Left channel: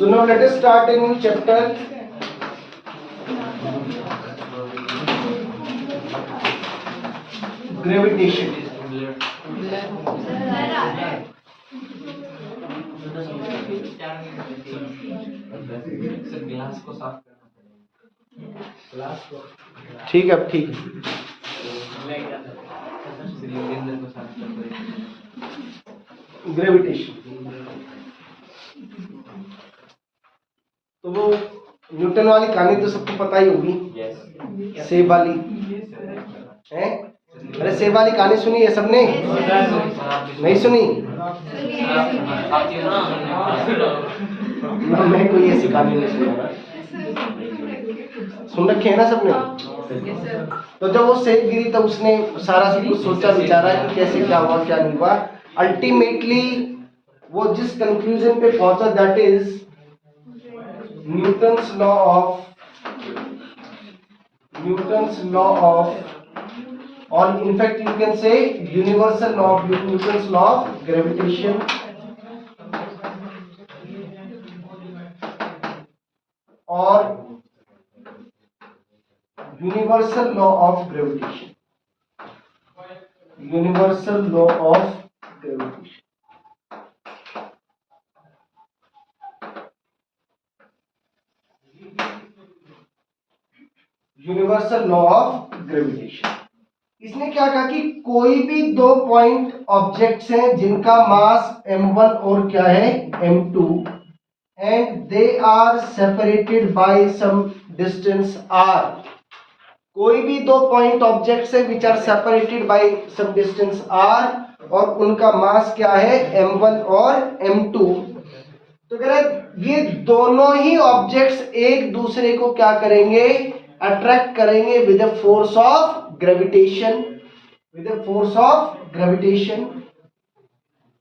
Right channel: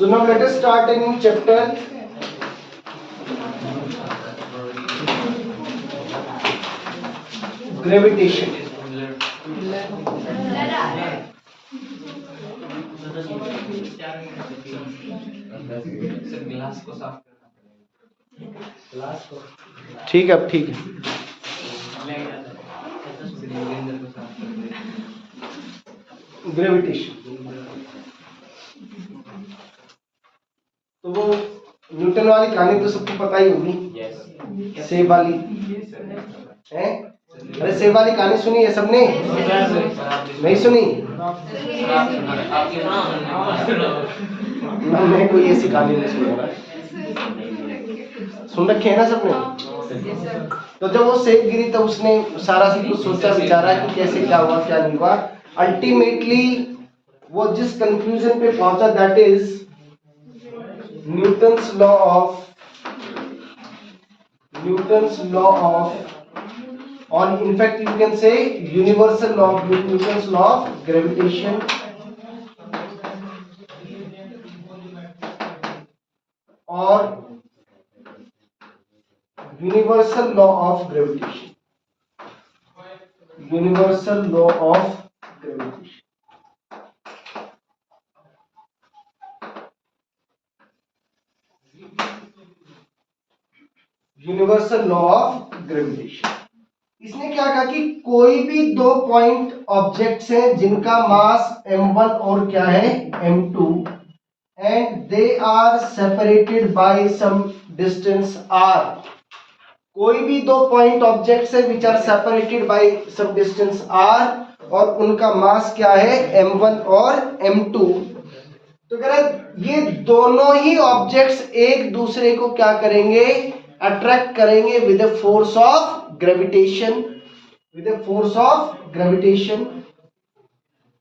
So now let us start a new chapter. Gravitation. Glass को साफ करना ठीक है, अब ठीक है। ग्रेविटेशन तो वो न्यूटन वाली कहानी तो सबको पता ही होगी। सेब वाली है। अरे सेब वाली कहानी सुनी है सबने? नहीं सुनी ना, मैं कोई ऐसी कहानी नहीं सुनूंगा। सुन रखे है ना सबने? तो जब वो सेब गिरी तो उसने सारा सब कुछ सोचा विचारा कि कैसे क्या हुआ क्या नहीं हुआ। अल्टीमेटली वो जिस कंक्लूजन पे पहुंचा, that is Newton's law of, or in fact you can say universal law of Newton's law of gravitation, or universal law of gravitation. Universal law of gravitation. Universal law of gravitation. इसने क्या कहा कि कोई भी दो point objects हैं जिनका मास m1 और क्या है m2 and they are separated by some distance r। कोई भी दो पॉइंट ऑब्जेक्ट्स हैं which are separated by some distance r और उनका मास क्या है m1 और m2। तो कह रहे ये दोनों ही ऑब्जेक्ट्स एक दूसरे को क्या करेंगे, अट्रैक्ट करेंगे with the force of gravitation, with the force of gravitation.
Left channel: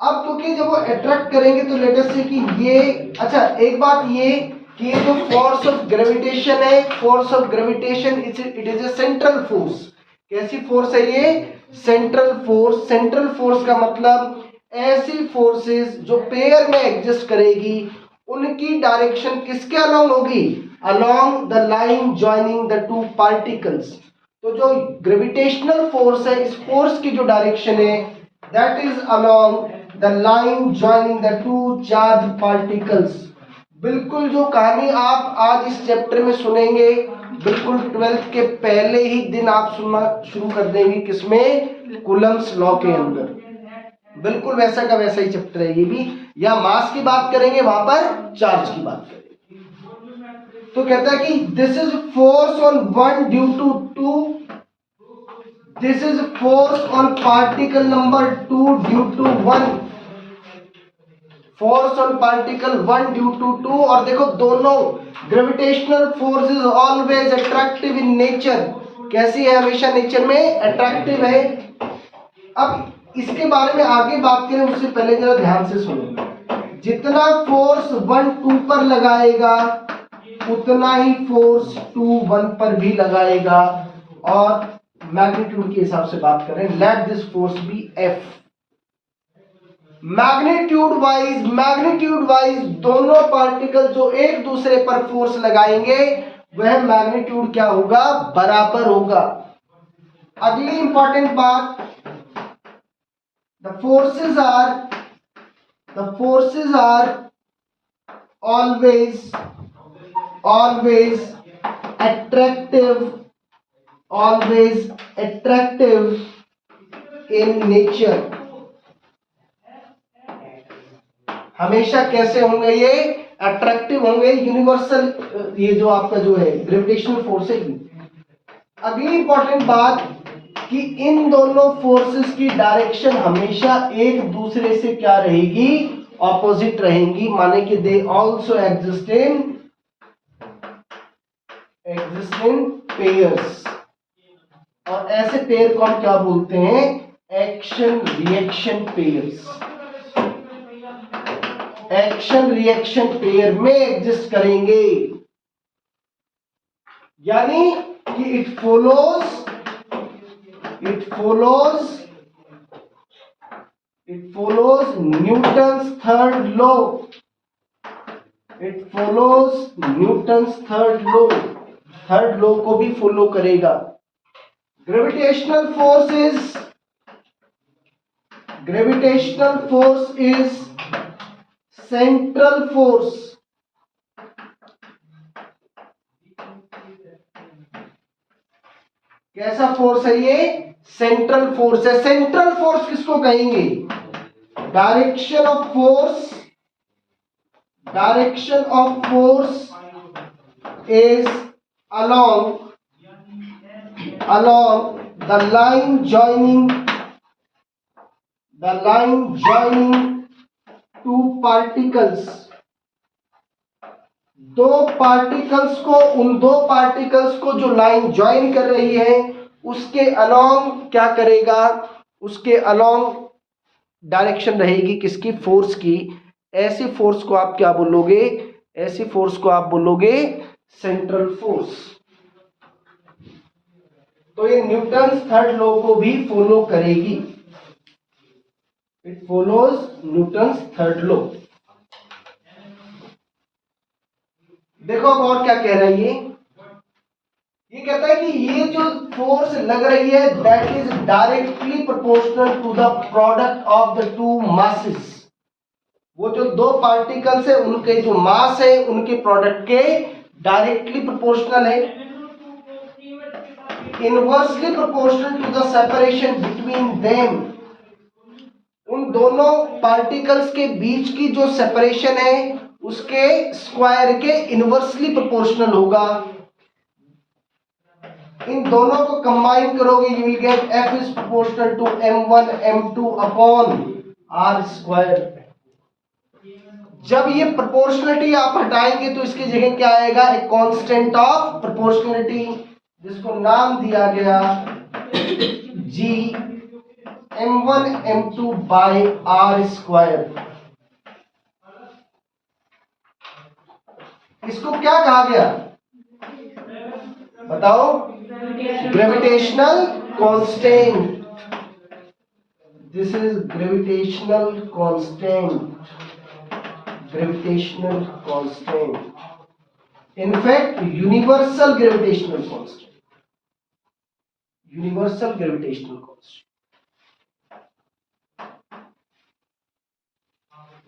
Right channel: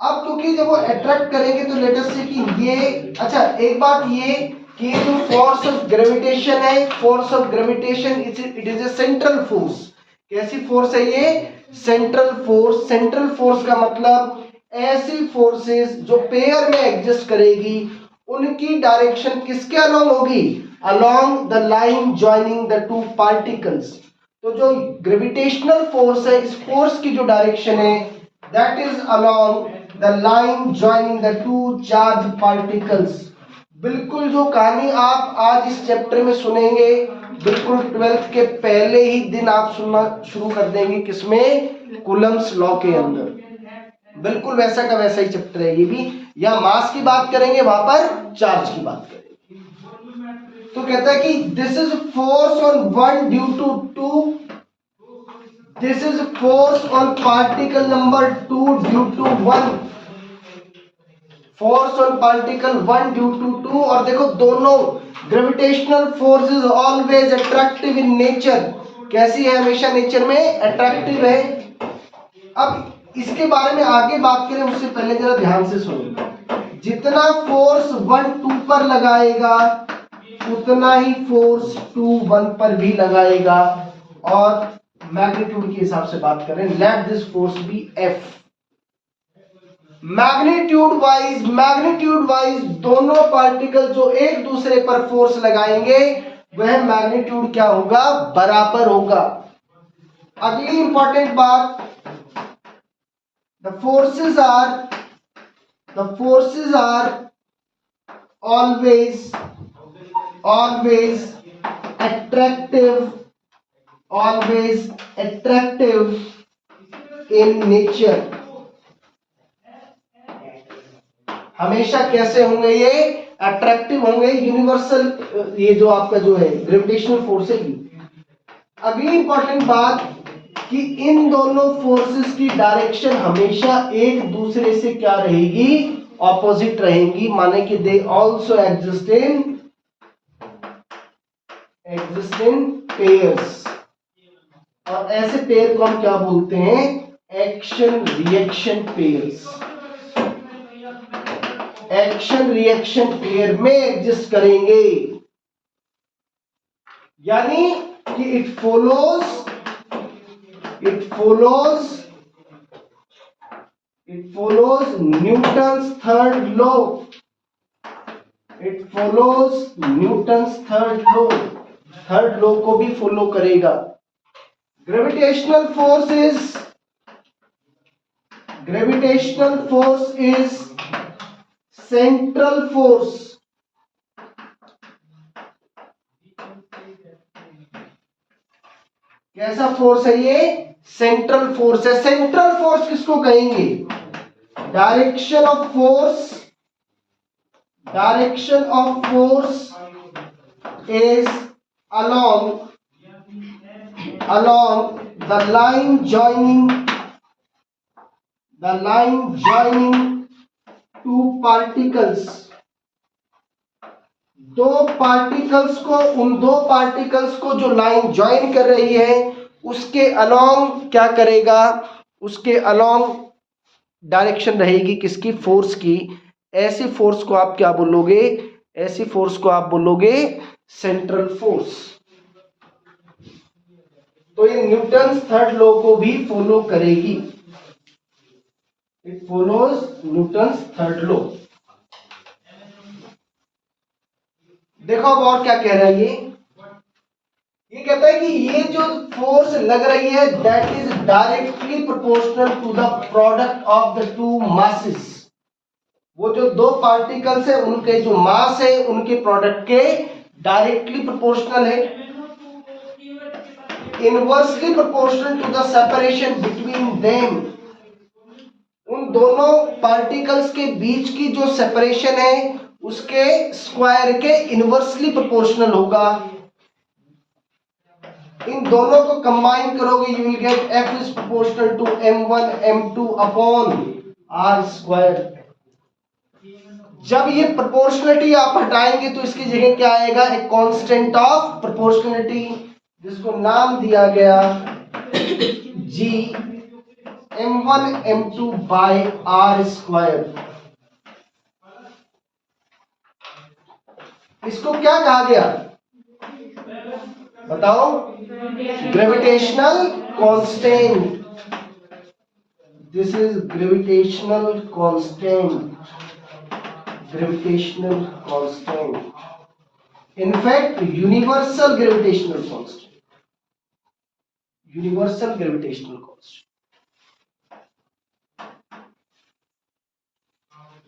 अब क्योंकि जब वो अट्रैक्ट करेंगे तो लेट अस से कि ये, अच्छा एक बात ये कि ये जो फोर्स ऑफ ग्रेविटेशन है, force of gravitation it is a central force. कैसी फोर्स है ये? Central force. सेंट्रल फोर्स का मतलब ऐसी फोर्सेस जो पेयर में एग्जिस्ट करेगी उनकी डायरेक्शन किसके अलोंग होगी? Along the line joining the two particles. तो जो ग्रेविटेशनल फोर्स है, इस फोर्स की जो डायरेक्शन है that is along the line joining the two charge particles. बिल्कुल जो कहानी आप आज इस चैप्टर में सुनेंगे, बिल्कुल 12th के पहले ही दिन आप सुनना शुरू कर देंगे। किसमें? कूलम्ब्स लॉ के अंदर। बिल्कुल वैसा का वैसा ही चैप्टर है ये भी। या मास की बात करेंगे, वहां पर चार्ज की बात करेंगे। तो कहता है कि this is force on one due to two, this is force on particle number 2 due to 1, force on particle 1 due to 2। और देखो दोनों gravitational force is always attractive in nature. कैसी है? हमेशा नेचर में अट्रैक्टिव है। अब इसके बारे में आगे बात करें उससे पहले जरा ध्यान से सुनो। जितना फोर्स 1 2 पर लगाएगा उतना ही फोर्स 2 1 पर भी लगाएगा। और मैग्नीट्यूड के हिसाब से बात करें, let this force be F। Magnitude wise दोनों पार्टिकल जो एक दूसरे पर फोर्स लगाएंगे वह मैग्नीट्यूड क्या होगा? बराबर होगा। अगली इंपॉर्टेंट बात, the forces are always attractive in nature। हमेशा कैसे होंगे? ये अट्रैक्टिव होंगे। यूनिवर्सल, ये जो आपका जो है ग्रेविटेशनल फोर्स है। अगली इंपॉर्टेंट बात कि इन दोनों फोर्सेस की डायरेक्शन हमेशा एक दूसरे से क्या रहेगी? ऑपोजिट रहेंगी। माने कि they also exist in pairs. और ऐसे पेयर को हम क्या बोलते हैं? Action reaction pairs. Action reaction pair में एग्जिस्ट करेंगे। यानी कि it follows Newton's third law। It follows Newton's third law, third law को भी फॉलो करेगा। Gravitational force is central force. कैसा फोर्स है ये? सेंट्रल फोर्स है। सेंट्रल फोर्स किसको कहेंगे? Direction of force is along the line joining two particles। दो पार्टिकल्स को, उन दो पार्टिकल्स को जो लाइन ज्वाइन कर रही है उसके अलोंग क्या करेगा? उसके अलोंग डायरेक्शन रहेगी किसकी? फोर्स की। ऐसी फोर्स को आप क्या बोलोगे? ऐसी फोर्स को आप बोलोगे सेंट्रल फोर्स। तो ये न्यूटन्स थर्ड लॉ को भी फॉलो करेगी। It follows Newton's third law. देखो अब और क्या कह रहा है ये कहता है कि ये जो फोर्स लग रही है that is directly proportional to the product of the two masses. वो जो दो पार्टिकल्स है उनके जो मास है उनके प्रोडक्ट के डायरेक्टली प्रोपोर्शनल है। Inversely proportional to the separation between them. उन दोनों पार्टिकल्स के बीच की जो सेपरेशन है उसके स्क्वायर के इनवर्सली प्रोपोर्शनल होगा। इन दोनों को कंबाइन करोगे you will get F is proportional to m1 m2 upon r square. जब ये प्रोपोर्शनलिटी आप हटाएंगे तो इसकी जगह क्या आएगा? एक कांस्टेंट ऑफ प्रोपोर्शनलिटी जिसको नाम दिया गया G m1 m2 bye r square. इसको क्या कहा गया बताओ? Gravitational constant. This is gravitational constant. Gravitational constant. In fact, universal gravitational constant. Universal gravitational constant.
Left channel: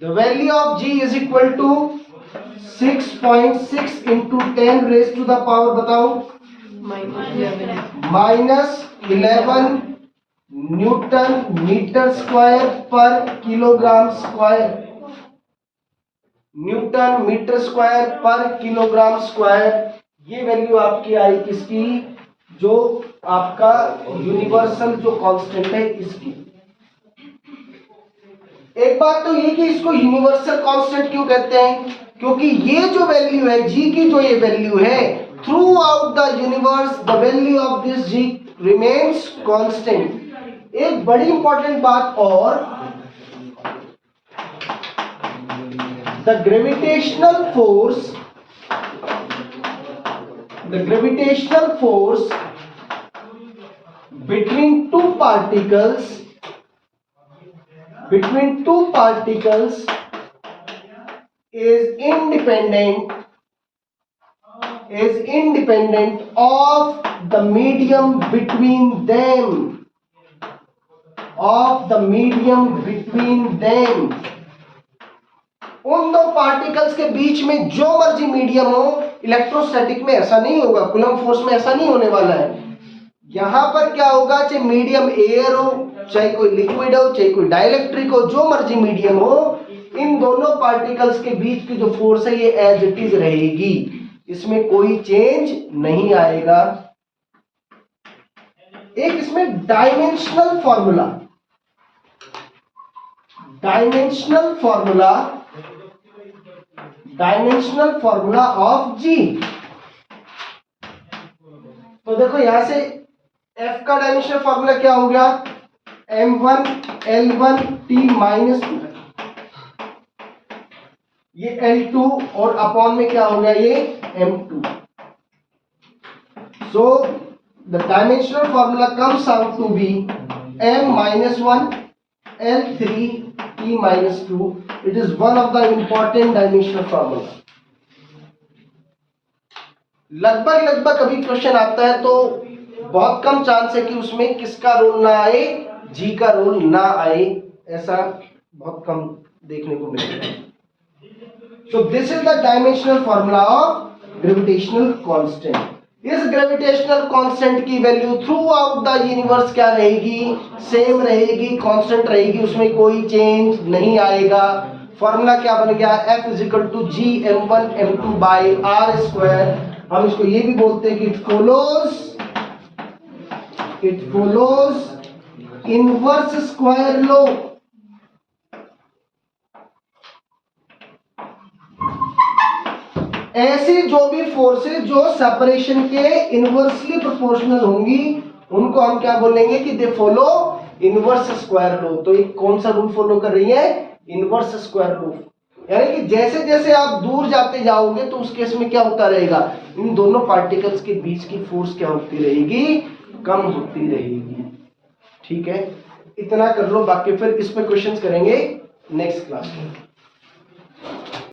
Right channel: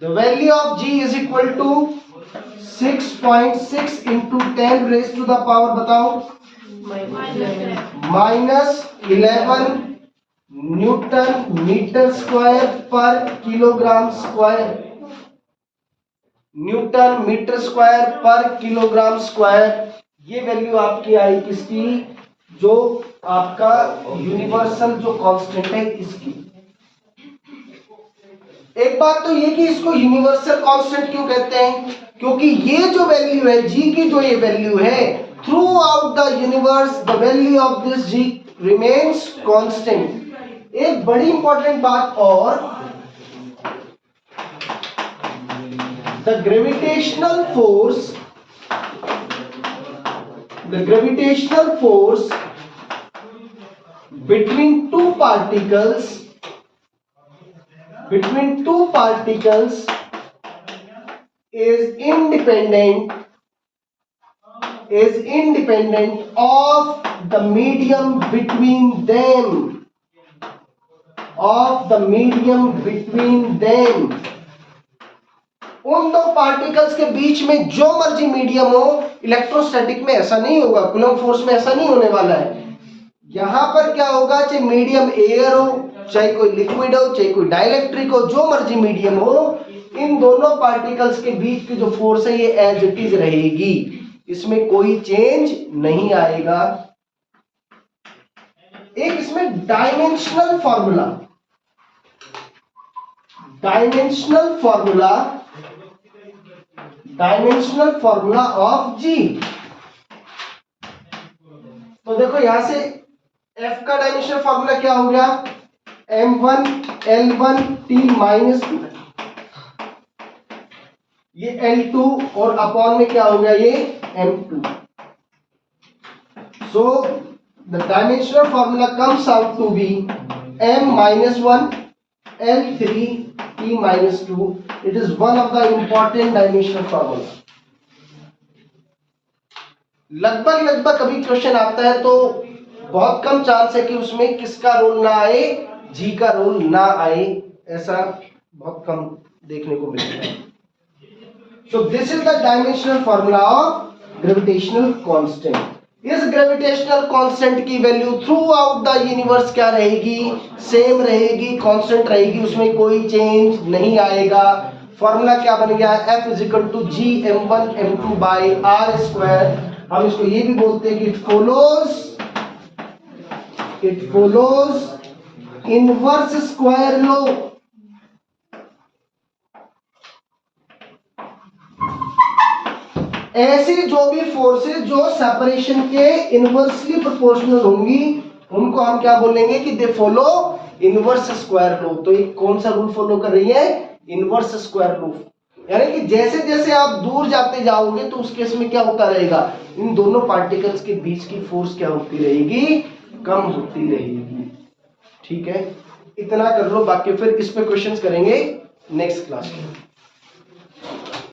The value of G is equal to 6.6 into 10 raised to the power बताओ -11 newton metre square पर kilogram square. Newton metre square पर kilogram square. ये value आपकी आई किसकी? जो आपका universal जो कांस्टेंट है इसकी। एक बात तो ये कि इसको यूनिवर्सल कांस्टेंट क्यों कहते हैं? क्योंकि ये जो वैल्यू है जी की, जो ये वैल्यू है throughout the universe the value of this G remains constant. एक बड़ी इंपॉर्टेंट बात और, the gravitational force between two particles is independent of the medium between them। उन दो पार्टिकल्स के बीच में जो मर्जी मीडियम हो, इलेक्ट्रोस्टैटिक में ऐसा नहीं होगा, कूलम्ब फोर्स में ऐसा नहीं होने वाला है। यहां पर क्या होगा? चाहे मीडियम एयर हो, चाहे कोई लिक्विड हो, चाहे कोई डाइलेक्ट्रिक हो, जो मर्जी मीडियम हो, इन दोनों पार्टिकल्स के बीच की जो फोर्स है ये एज इट इज रहेगी, इसमें कोई चेंज नहीं आएगा। एक इसमें डायमेंशनल फॉर्मूला ऑफ जी। तो देखो यहां से F का डायमेंशनल फॉर्मूला क्या हो गया? m1 L1 t माइनस, ये L2 और अपॉन में क्या हो गया? ये m2। So the dimensional formula comes out to be m-1 L3 t-2। It is one of the important dimensional formula. लगभग लगभग कभी क्वेश्चन आता है तो बहुत कम चांस है कि उसमें किसका रोल ना आए, जी का रोल ना आए, ऐसा बहुत कम देखने को मिलेगा। So this is the dimensional formula of gravitational constant. इस ग्रेविटेशनल कांस्टेंट की value through out the universe क्या रहेगी, सेम रहेगी, कांस्टेंट रहेगी, उसमें कोई चेंज नहीं आएगा। फॉर्मूला क्या बन गया, F is equal to G m1 m2 by R square. हम इसको ये भी बोलते हैं कि it follows inverse square law. ऐसी जो भी फोर्सेस जो सेपरेशन के इनवर्सली प्रोपोर्शनल होंगी उनको हम क्या बोलेंगे कि they follow inverse square law. तो ये कौन सा रूल फॉलो कर रही है, इनवर्स स्क्वायर लॉ। यानी कि जैसे जैसे आप दूर जाते जाओगे तो उस केस में क्या होता रहेगा, इन दोनों पार्टिकल्स के बीच की फोर्स क्या होती रहेगी, कम होती रहेगी। ठीक है, इतना कर लो, बाकी फिर इस पे क्वेश्चंस करेंगे नेक्स्ट क्लास में।